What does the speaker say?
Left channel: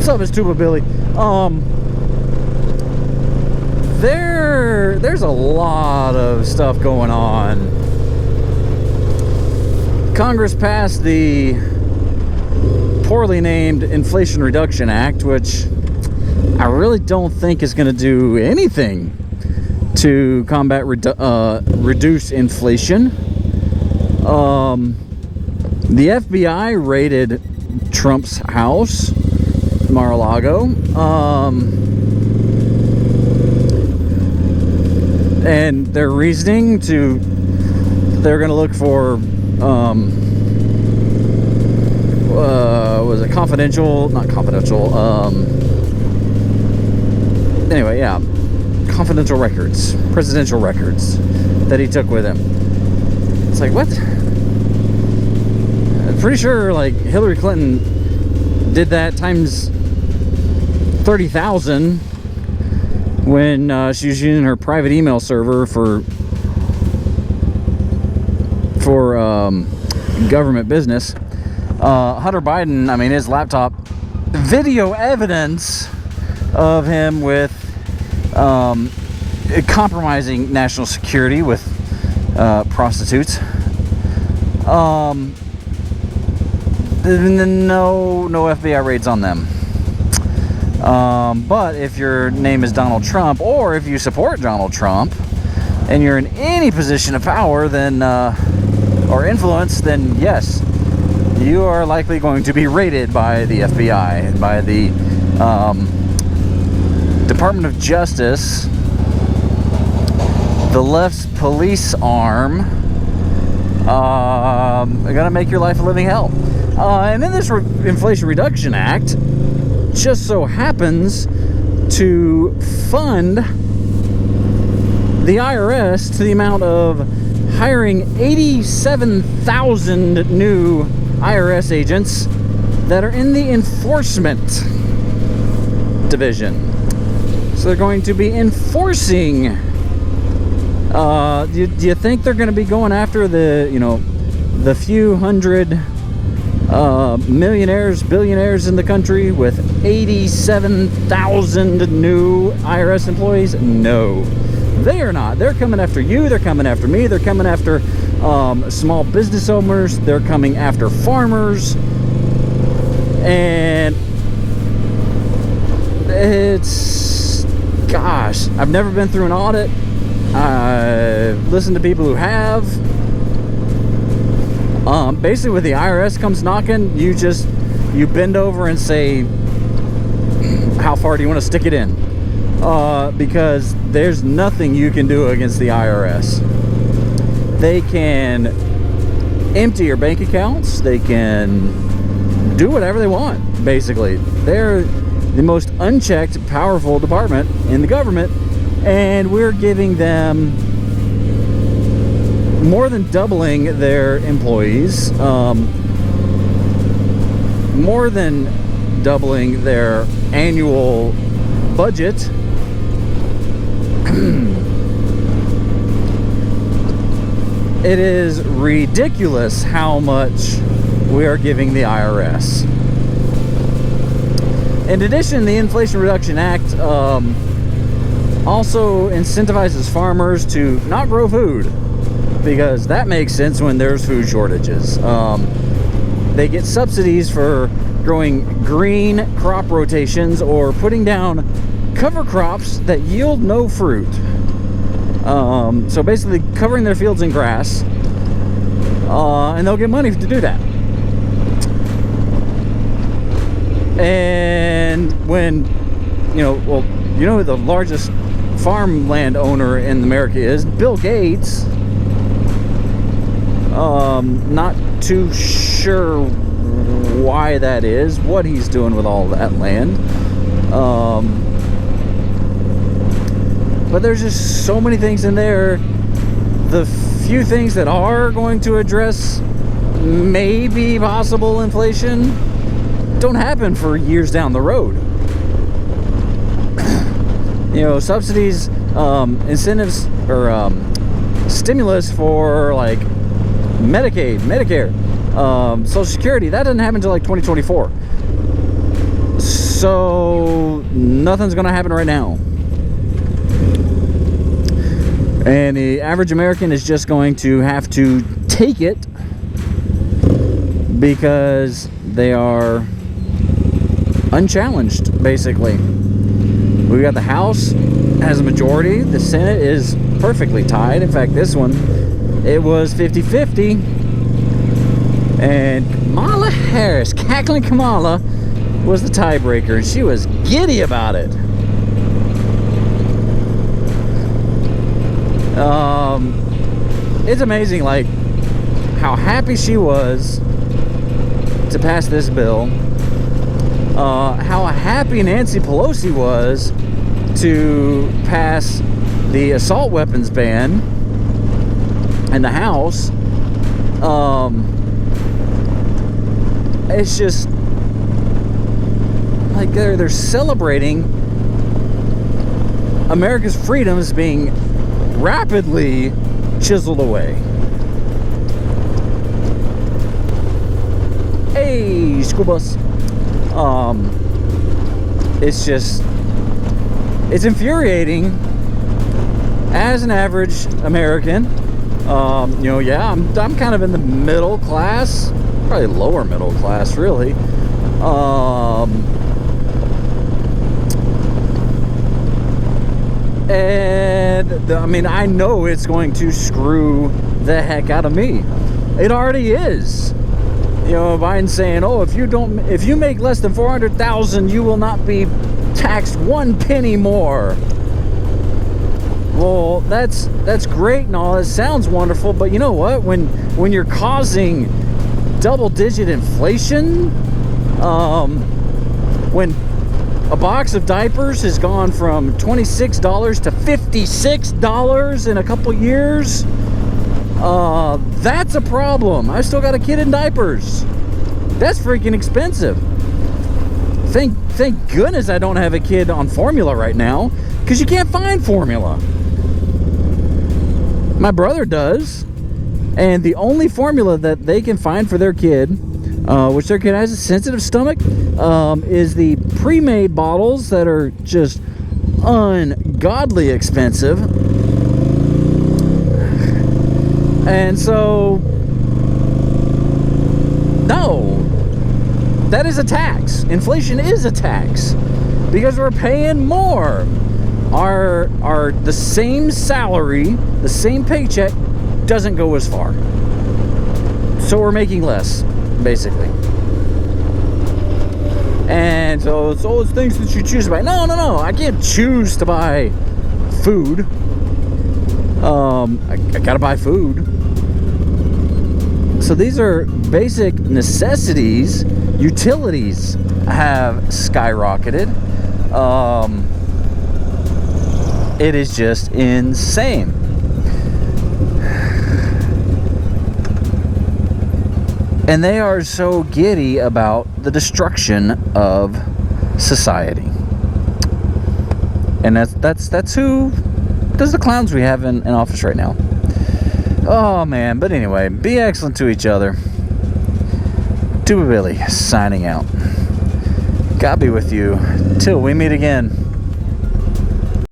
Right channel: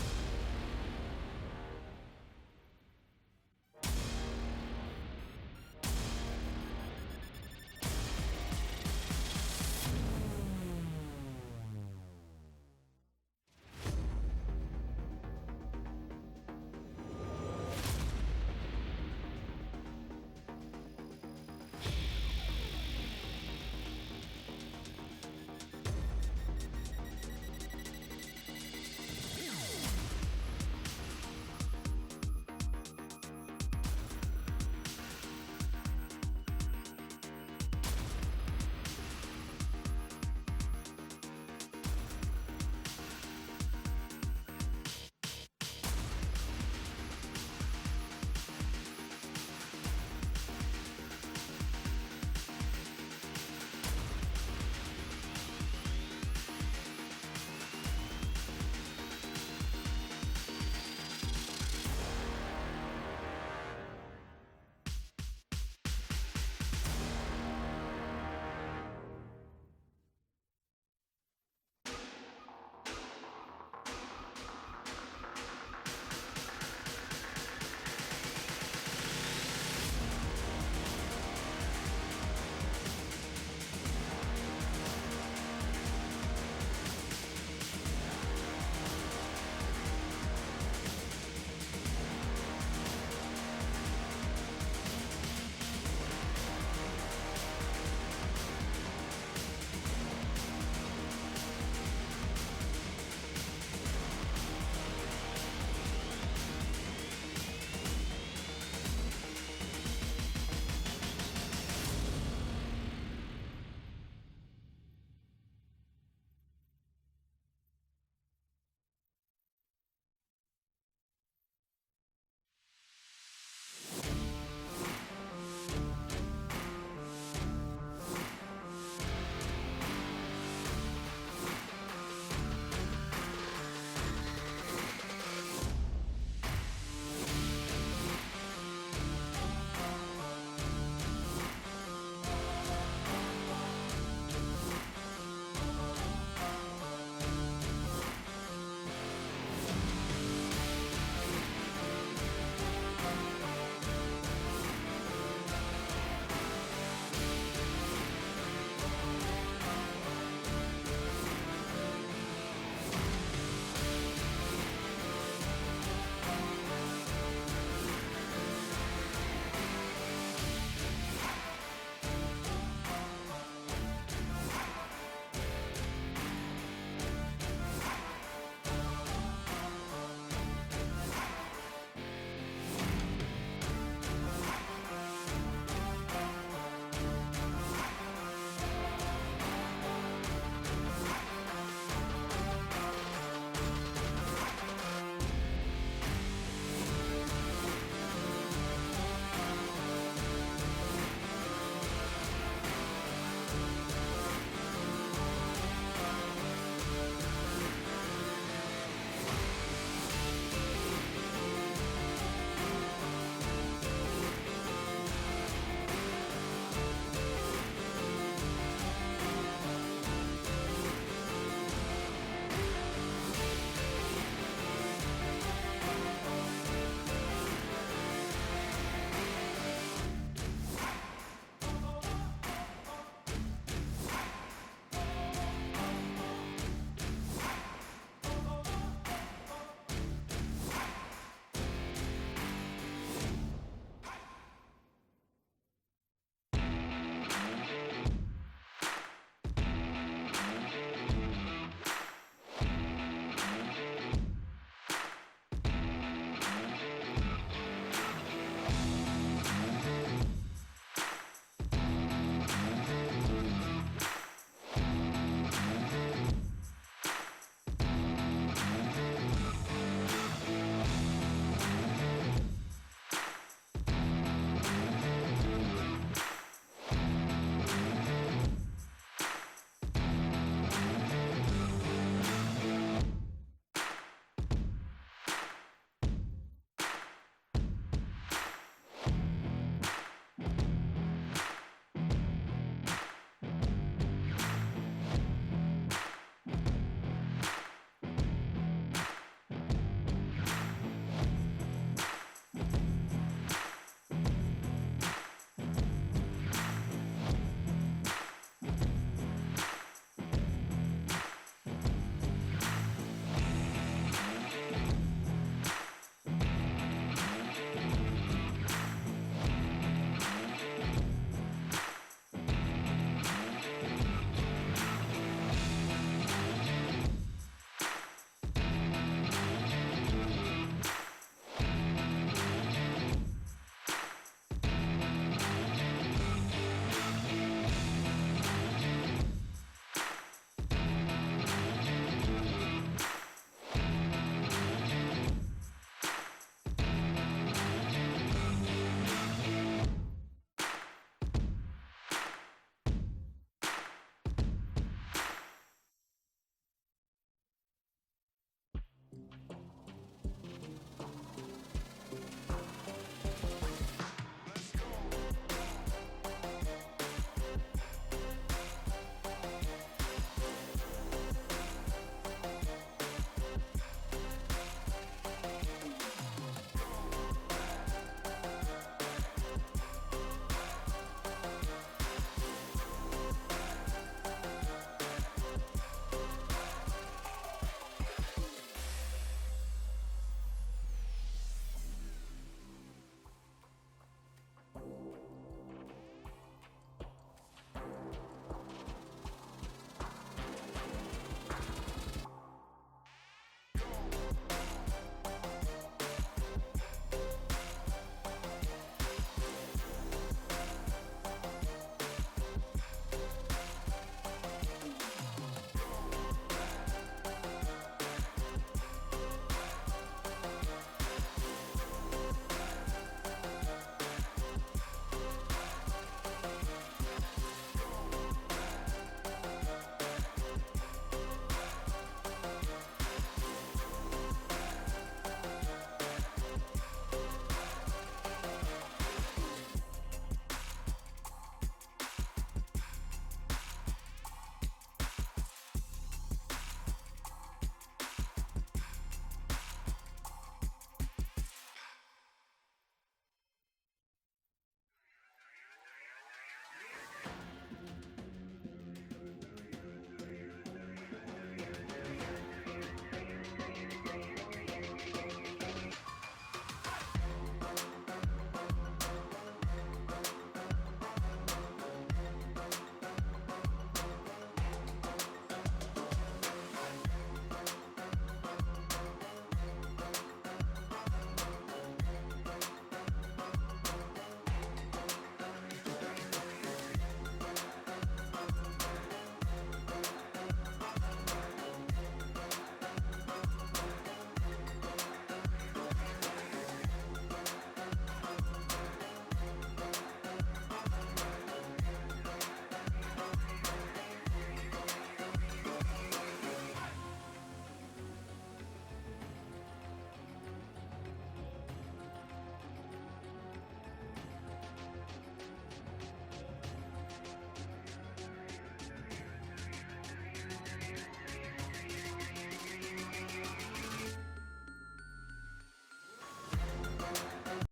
What's up, it's Tuba Billy. There's a lot of stuff going on. Congress passed the poorly named Inflation Reduction Act, which I really don't think is going to do anything to combat reduce inflation. The FBI raided Trump's house, Mar-a-Lago, and their reasoning they're going to look for was it not confidential, anyway, yeah, confidential records, presidential records that he took with him. It's like, what? I'm pretty sure like Hillary Clinton did that times 30,000 when she was using her private email server for government business. Hunter Biden, I mean, his laptop, video evidence of him with compromising national security with prostitutes. No FBI raids on them. But if your name is Donald Trump, or if you support Donald Trump, and you're in any position of power, then or influence, then yes, you are likely going to be raided by the FBI, by the Department of Justice, the left's police arm. They're gonna make your life a living hell. And then this Inflation Reduction Act just so happens to fund the IRS to the amount of hiring 87,000 new IRS agents that are in the enforcement division. So they're going to be enforcing. Do you think they're going to be going after the few hundred millionaires, billionaires in the country with 87,000 new IRS employees? No, they are not. They're coming after you. They're coming after me. They're coming after small business owners. They're coming after farmers. And it's, gosh, I've never been through an audit. I've listened to people who have. Basically, when the IRS comes knocking, you bend over and say, how far do you want to stick it in? Because there's nothing you can do against the IRS. They can empty your bank accounts. They can do whatever they want, basically. They're the most unchecked, powerful department in the government, and we're giving them more than doubling their employees, more than doubling their annual budget. It is ridiculous how much we are giving the IRS. In addition, the Inflation Reduction Act also incentivizes farmers to not grow food, because that makes sense when there's food shortages. They get subsidies for growing green crop rotations or putting down cover crops that yield no fruit. So basically covering their fields in grass, and they'll get money to do that. And when, who the largest farmland owner in America is? Bill Gates. Not too sure why that is, what he's doing with all that land. But there's just so many things in there. The few things that are going to address maybe possible inflation don't happen for years down the road. Subsidies, incentives, or stimulus for like Medicaid, Medicare, Social Security, that doesn't happen until like 2024. So nothing's gonna happen right now. And the average American is just going to have to take it because they are unchallenged, basically. We got the House has a majority. The Senate is perfectly tied. In fact, this one, it was 50-50. And Kamala Harris, cackling Kamala, was the tiebreaker, and she was giddy about it. It's amazing, like, how happy she was to pass this bill. How happy Nancy Pelosi was to pass the assault weapons ban in the House. It's just like they're celebrating America's freedoms being rapidly chiseled away. Hey, school bus. It's just, it's infuriating as an average American. Yeah, I'm kind of in the middle class, probably lower middle class, really. And I mean, I know it's going to screw the heck out of me. It already is. You know, Biden's saying, "Oh, if you make less than 400,000, you will not be taxed 1 penny more." Well, that's great and all. It sounds wonderful, but you know what? When you're causing double-digit inflation, when a box of diapers has gone from $26 to $56 in a couple years, that's a problem. I still got a kid in diapers. That's freaking expensive. Thank goodness I don't have a kid on formula right now, because you can't find formula. My brother does, and the only formula that they can find for their kid, which their kid has a sensitive stomach, is the pre-made bottles that are just ungodly expensive. And so, no, that is a tax. Inflation is a tax because we're paying more. Our the same salary, the same paycheck doesn't go as far. So we're making less, basically. And so it's all those things that you choose to buy. No, I can't choose to buy food. I gotta buy food. So these are basic necessities. Utilities have skyrocketed. It is just insane. And they are so giddy about the destruction of society. And that's who does the clowns we have in office right now. Oh man, but anyway, be excellent to each other. Tuba Billy signing out. God be with you till we meet again.